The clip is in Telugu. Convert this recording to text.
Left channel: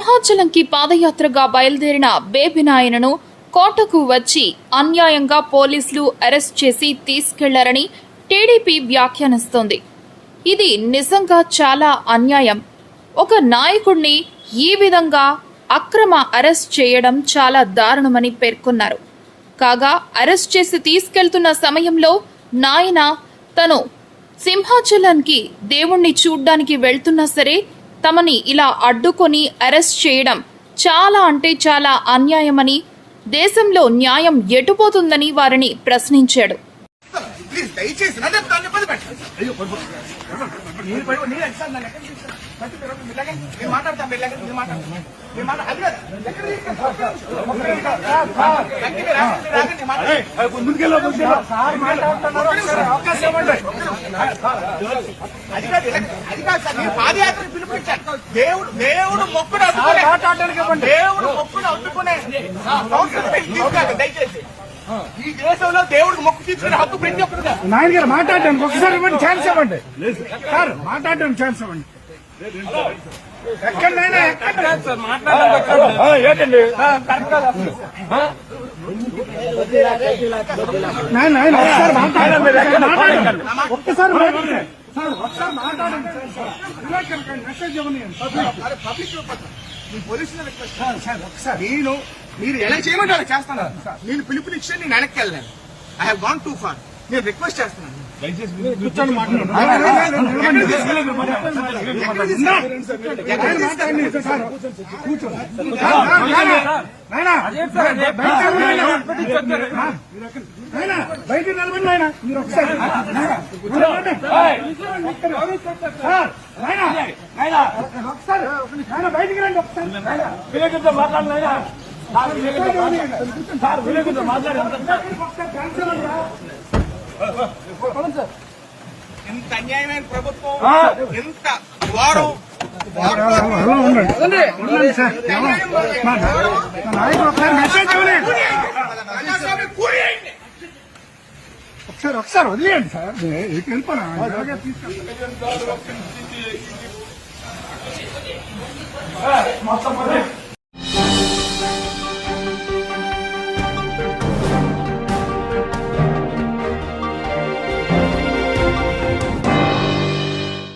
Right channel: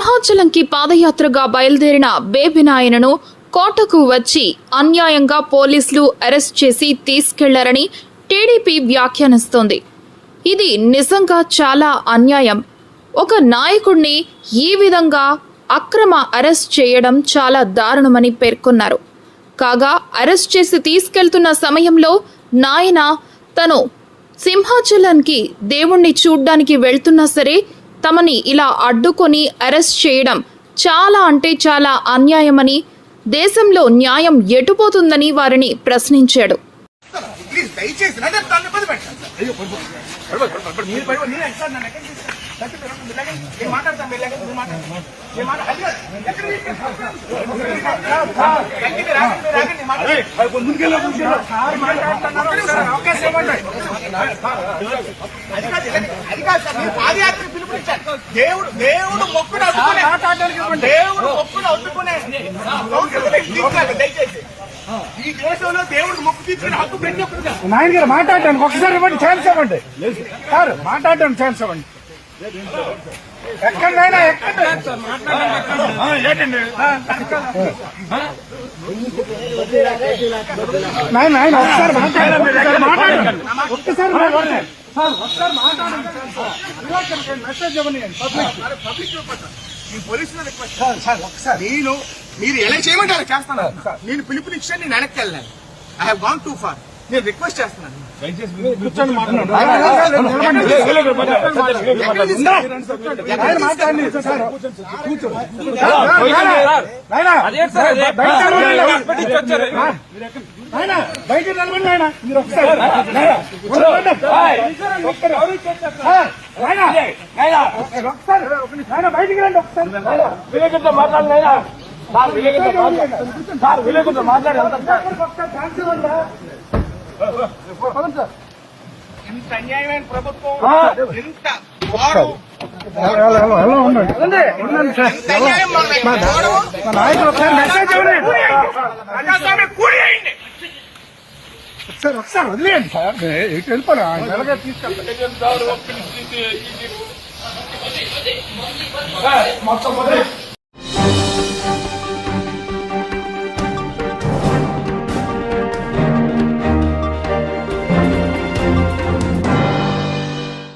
సింహాచలంకి పాదయాత్రగా బయలుదేరిన బేబినాయనను కోటకు వచ్చి అన్యాయంగా పోలీసులు అరెస్ట్ చేసి తీసుకెళ్ళారని టీడీపీ వ్యాఖ్యానిస్తోంది. ఇది నిజంగా చాలా అన్యాయం. ఒక నాయకుడిని ఈ విధంగా అక్రమ అరెస్ట్ చేయడం చాలా దారుణమని పేర్కొన్నారు. కాగా అరెస్ట్ చేసి తీసుకెళ్తున్న సమయంలో నాయన తను సింహాచలానికి దేవుణ్ణి చూడ్డానికి వెళ్తున్నా సరే తమని ఇలా అడ్డుకొని అరెస్ట్ చేయడం చాలా అంటే చాలా అన్యాయమని దేశంలో న్యాయం ఎటుపోతుందని వారిని ప్రశ్నించాడు. దయచేసి నన్ను నన్ను ఇబ్బంది పెట్టండి. మీరు మీరు ఎక్కడ నన్ను ఎక్కడ తీసుకెళ్ళి? నన్ను మీరు ఎక్కడ- మీరు. నేను మాట్లాడతాను, మీరు మీరు. మీరు అది కాదు, నేను మాట్లాడతాను. సార్, మీరు పాదయాత్ర. దేవుడు దేవుడు మొక్కును అడ్డుకునే దేవుడు మొక్కును లేదు, దయచేసి ఈ దేశంలో దేవుడు మొక్కు తీసుకునే హక్కు ప్రతి ఒక్కరిదే నాయన గారు మాట్లాడడానికి ఒకసారి ఇవ్వండి ఛాన్స్ ఇవ్వండి సార్ మాట్లాడడానికి ఛాన్స్ ఇవ్వండి ఎక్కడైనా ఎక్కడ ఏంటండి నాయన నాయన ఒక్కసారి మాట్లాడండి మాట్లాడండి ఒక్కసారి మాట్లాడండి సార్ ఒకసారి మాట్లాడండి మెసేజ్ ఇవ్వండి పబ్లిక్ పోలీసులు రిక్వెస్ట్ సార్ ఒకసారి నేను మీరు ఎలా చేయమంటే అలా చేస్తాను. నేను పిలుపునిచ్చా నేను వెనక్కి వెళ్ళాలి. I have gone too far నేను రిక్వెస్ట్ చేస్తున్నాను. బయట నిలబడి ఆయన మీరు ఒకసారి ఆయన బయటికి రండి ఒకసారి. ఇంత అన్యాయమైన ప్రభుత్వం ఇంత వాడు సార్ ఒకసారి వదిలేయండి సార్. ఇటు వెళ్ళిపోను తీసుకెళ్తాను.